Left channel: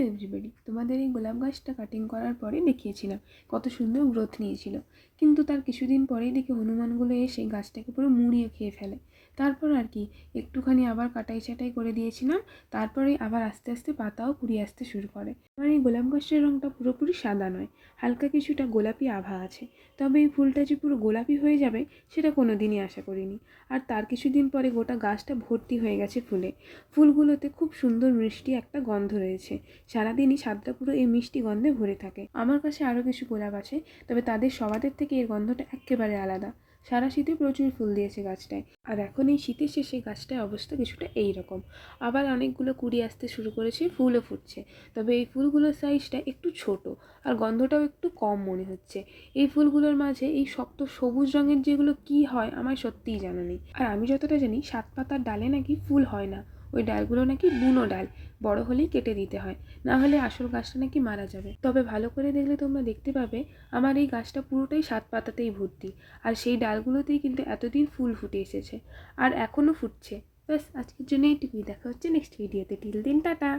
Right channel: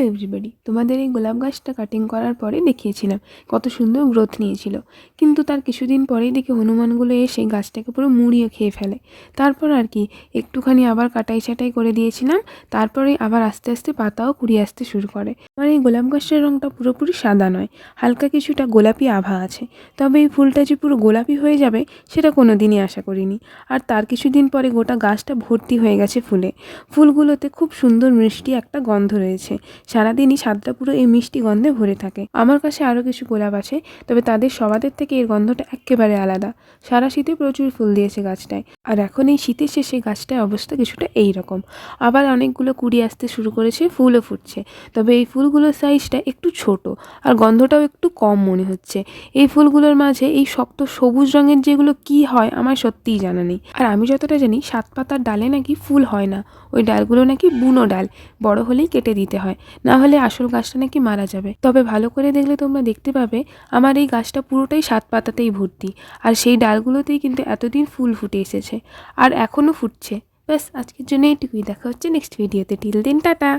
Hello everybody, তোমাদের এই গোলাপ গাছটা কাটিং করার পরে দেখিয়েছিলাম কত সুন্দর গ্রোথ নিয়েছিল। কিন্তু তার কিছুদিন পরেই দেখি হনুমানগুলো এসে গাছটাকে পুরো মুড়িয়ে খেয়ে ফেলে। তারপর আর কি একটুখানি আবার কাটাই ছাটাই করে দিয়েছিলাম। তারপরে আবার আস্তে আস্তে পাতাও কুড়িয়ে আসতে শুরু করে। আমার এই গোলাপ গাছটার রঙটা পুরোপুরি সাদা নয়, হালকা কিছুটা গোলাপি আভা আছে। তবে এই ফুলটা যে পুরো গোলাপি হয়ে যাবে সেটা কোনো দিনই আশা করিনি। আর তার কিছুদিন পরে গোটা গাছটা ভর্তি হয়ে গেছে ফুলে। ফুলগুলোতে খুব সুন্দর মিষ্টি একটা গন্ধ রয়েছে। সারাদিনই ছাদটা পুরো এই মিষ্টি গন্ধে ভরে থাকে। আমার কাছে আরও কিছু গোলাপ আছে, তবে তাদের সবাদের থেকে এর গন্ধটা একেবারে আলাদা। সারা শীতে প্রচুর ফুল দিয়েছে গাছটায়। আর এখন এই শীতের শেষে গাছটায় অবস্থা কিছুটা এই রকম। আবার অনেকগুলো কুড়ি আসতে শুরু করেছে, ফুলও ফুটছে। তবে এই ফুলগুলোর সাইজটা একটু ছোট, আর গন্ধটাও একটু কম মনে হচ্ছে। এই ফুলগুলোর মাঝে এই শক্ত সবুজ রঙের যেগুলো কি হয় আমার সত্যিই জানা নেই। আর আমি যতটা জানি 7 পাতার ডালে নাকি ফুল হয় না, ওই ডালগুলো নাকি বুনো ডাল, বড় হলেই কেটে দিতে হয়, না হলে আসল গাছটা নাকি মারা যাবে। তবে ভালো করে দেখলে তোমরা দেখতে পাবে আমার এই গাছটা পুরোটাই 7 পাতাতেই ভর্তি। আর সেই ডালগুলোতেই কিন্তু এতদিন ফুল ফুটে এসেছে, আর এখনও ফুটছে। ব্যাস, আজকের জন্য এইটুকুই। দেখা হচ্ছে নেক্সট ভিডিওতে। টিল দিন, টাটা।